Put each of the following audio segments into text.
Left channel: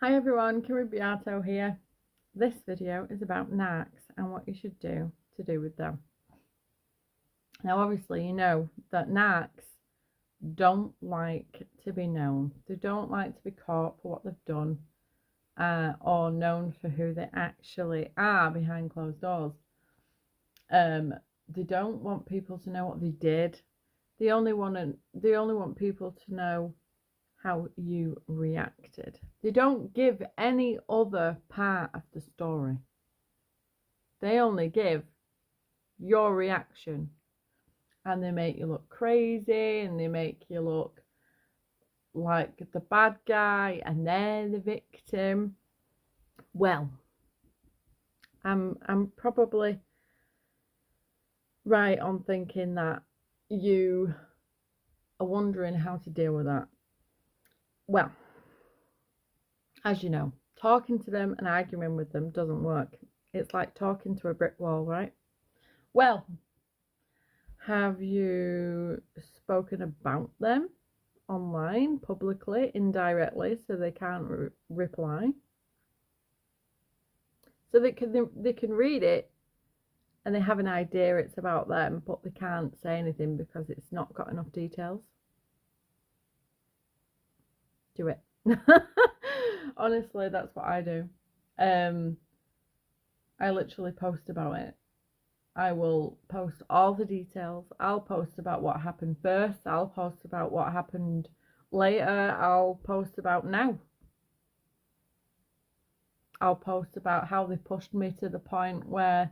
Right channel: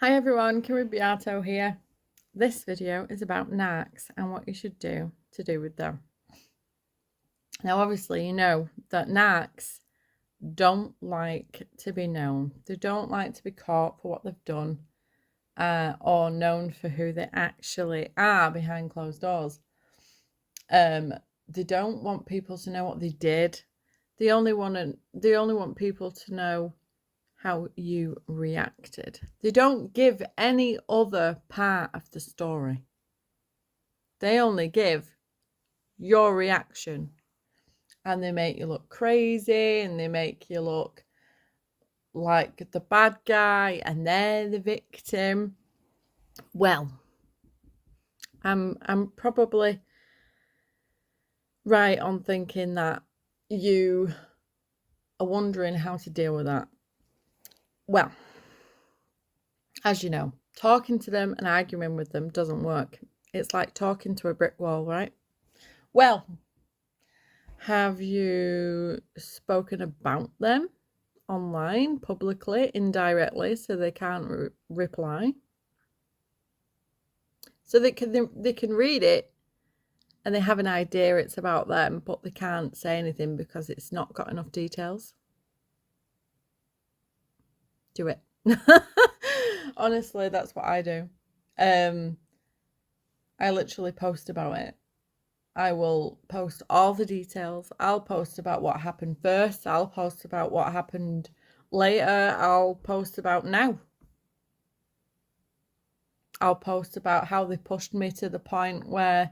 Hi everyone, Rigby Artho here. This video is about narcs and what you should do to do with them. Now obviously you know that narcs don't like to be known. They don't like to be caught for what they've done or known for who they actually are behind closed doors. They don't want people to know what they did. They only want people to know how you reacted. They don't give any other part of the story. They only give your reaction. And they make you look crazy and they make you look like the bad guy and they're the victim. Well, I'm probably right on thinking that you are wondering how to deal with that. Well, as you know, talking to them and arguing with them doesn't work. It's like talking to a brick wall, right? Well, have you spoken about them online, publicly, indirectly, so they can't reply? So they can read it and they have an idea it's about them, but they can't say anything because it's not got enough details. Do it. Honestly, that's what I do. I literally post about it. I will post all the details. I'll post about what happened first. I'll post about what happened later. I'll post about now. I'll post about how they pushed me to the point where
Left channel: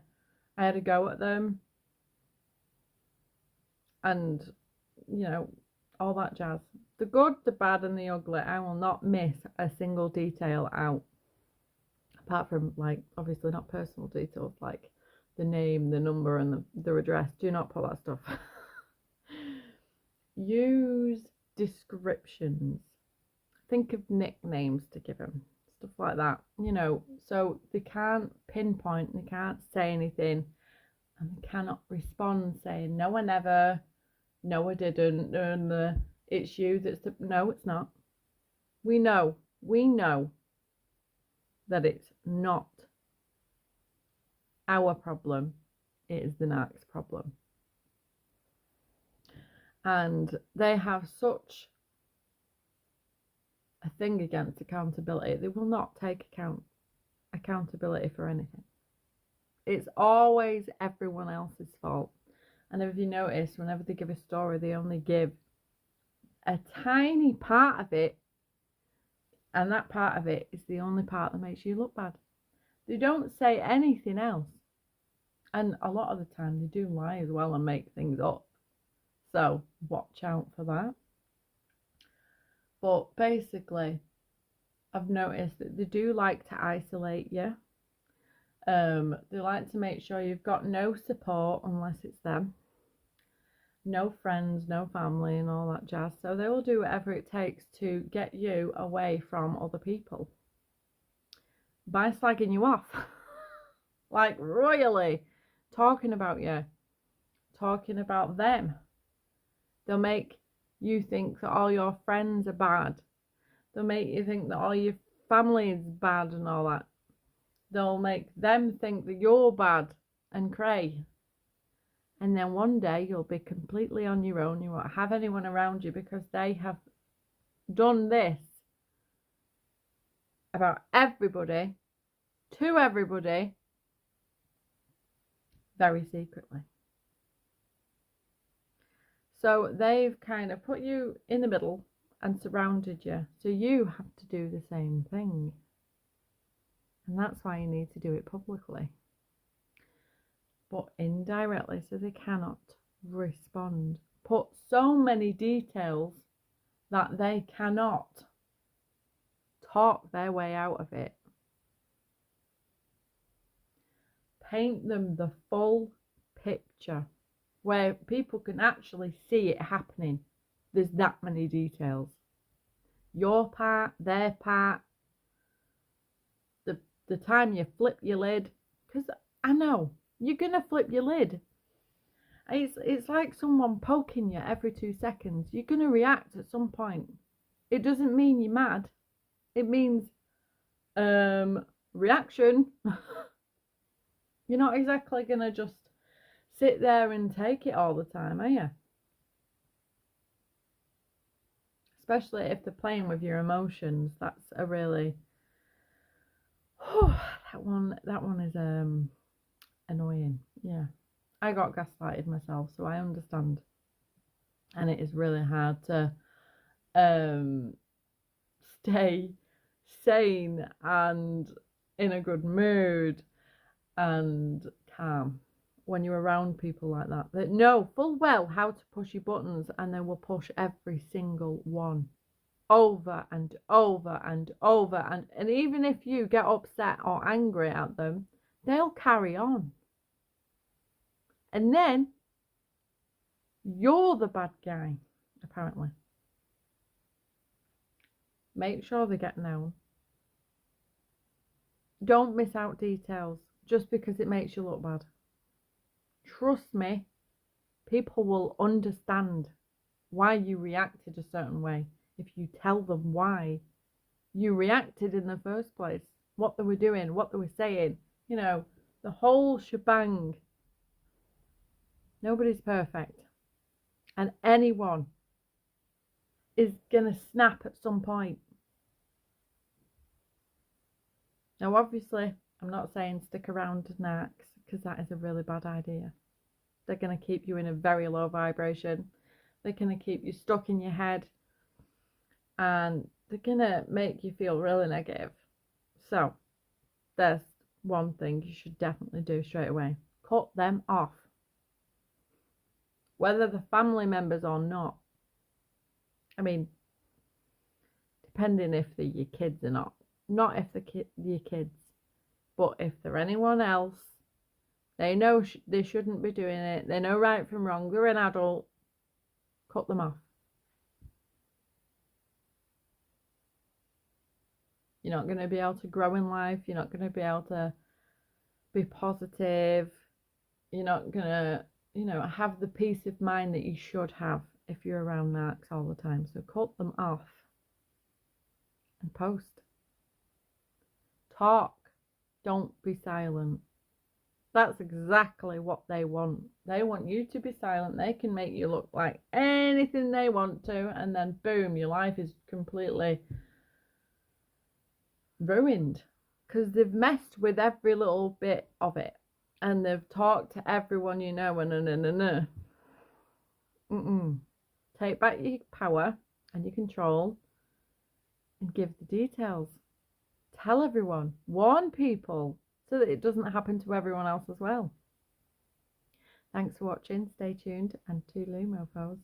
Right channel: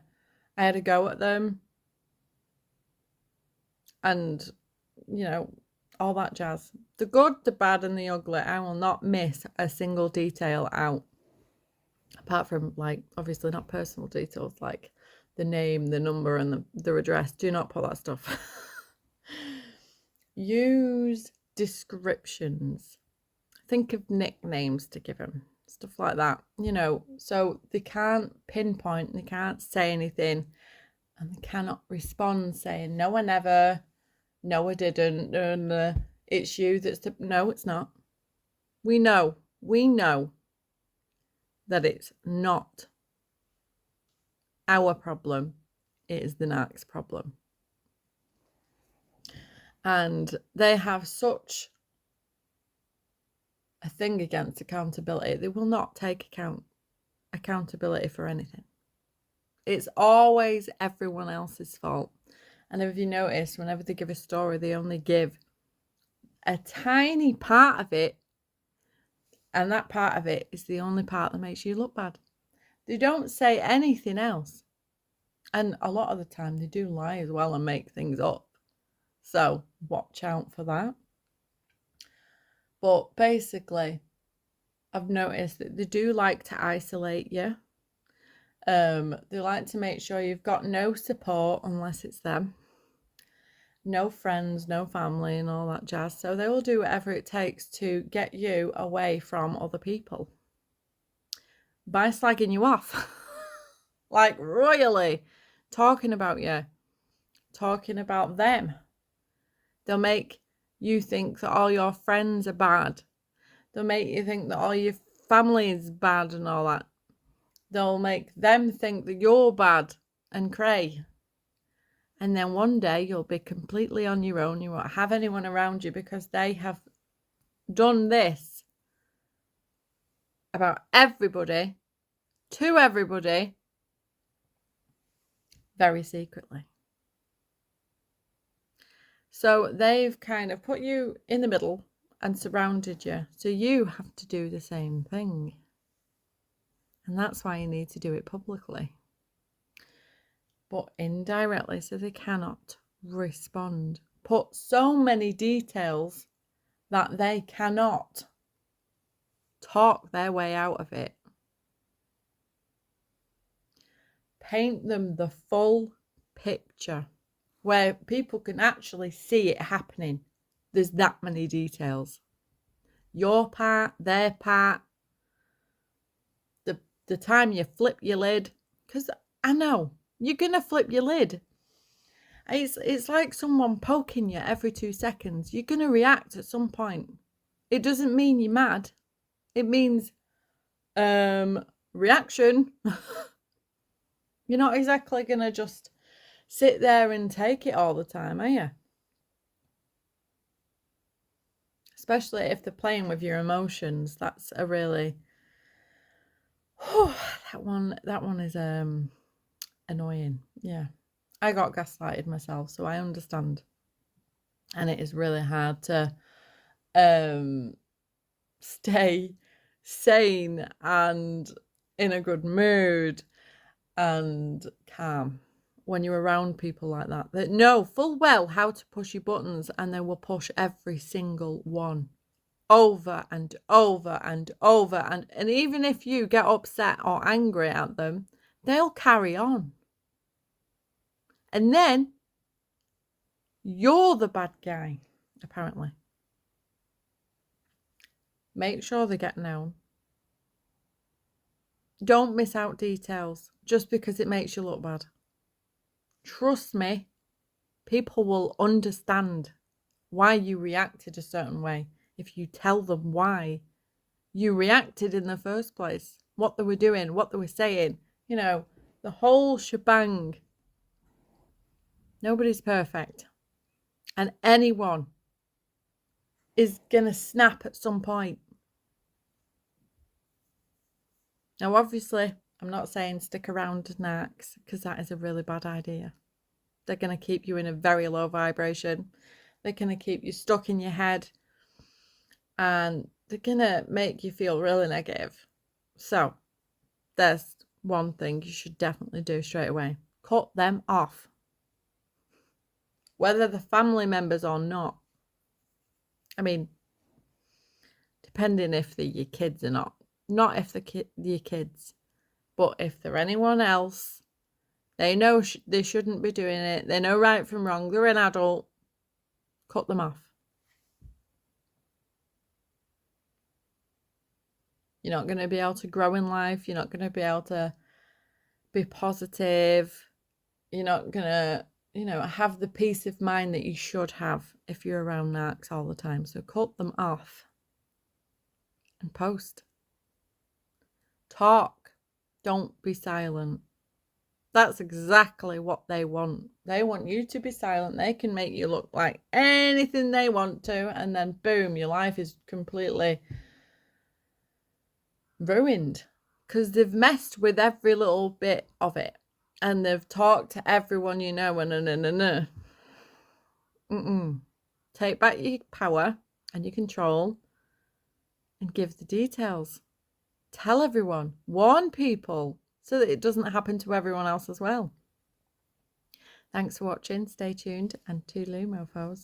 I had a go at them. And, you know, all that jazz. The good, the bad, and the ugly. I will not miss a single detail out. Apart from, like, obviously not personal details, like the name, the number, and the address. Do not put that stuff. Use descriptions. Think of nicknames to give them. Stuff like that, you know, so they can't pinpoint, they can't say anything, and they cannot respond saying, no, I never, no, I didn't, it's you that's the... No, it's not. We know that it's not our problem, it is the narc's problem. And they have such a thing against accountability. They will not take accountability for anything. It's always everyone else's fault. And if you notice, whenever they give a story, they only give a tiny part of it, and that part of it is the only part that makes you look bad. They don't say anything else. And a lot of the time they do lie as well and make things up. So watch out for that. But basically, I've noticed that they do like to isolate you. They like to make sure you've got no support unless it's them. No friends, no family, and all that jazz. So they will do whatever it takes to get you away from other people by slagging you off. Like, royally talking about you, talking about them. They'll make you think that all your friends are bad. They'll make you think that all your family is bad and all that. They'll make them think that you're bad and cray. And then one day you'll be completely on your own. You won't have anyone around you because they have done this about everybody, to everybody, very secretly. So they've kind of put you in the middle and surrounded you. So you have to do the same thing. And that's why you need to do it publicly. But indirectly, so they cannot respond. Put so many details that they cannot talk their way out of it. Paint them the full picture where people can actually see it happening. There's that many details. Your part, their part, the time you flip your lid, because I know you're gonna flip your lid. It's like someone poking you every 2 seconds. You're gonna react at some point. It doesn't mean you're mad. It means reaction. You're not exactly going to just sit there and take it all the time, are you? Especially if they're playing with your emotions. That's a really... that one is annoying. Yeah. I got gaslighted myself, so I understand. And it is really hard to stay sane and in a good mood and calm when you're around people like that know full well how to push your buttons, and they will push every single one over and over and over, and even if you get upset or angry at them, they'll carry on, and then you're the bad guy, apparently. Make sure they get known. Don't miss out details just because it makes you look bad. Trust me, people will understand why you reacted a certain way if you tell them why you reacted in the first place, what they were doing, what they were saying, you know, the whole shebang. Nobody's perfect. And anyone is going to snap at some point. Now, obviously, I'm not saying stick around to Narcs, because that is a really bad idea. They're going to keep you in a very low vibration. They're going to keep you stuck in your head. And they're going to make you feel really negative. So, there's one thing you should definitely do straight away. Cut them off. Whether they're family members or not. I mean, depending if they're your kids or not. Not if they're your kids. But if they're anyone else, they know they shouldn't be doing it. They know right from wrong. They're an adult. Cut them off. You're not going to be able to grow in life. You're not going to be able to be positive. You're not going to, have the peace of mind that you should have if you're around Narcs all the time. So cut them off and post. Talk. Don't be silent. That's exactly what they want. They want you to be silent. They can make you look like anything they want to, and then boom, your life is completely ruined because they've messed with every little bit of it, and they've talked to everyone you know, and Take back your power and your control and give the details. Tell everyone. Warn people so that it doesn't happen to everyone else as well. Thanks for watching. Stay tuned, and toodaloo, mofos.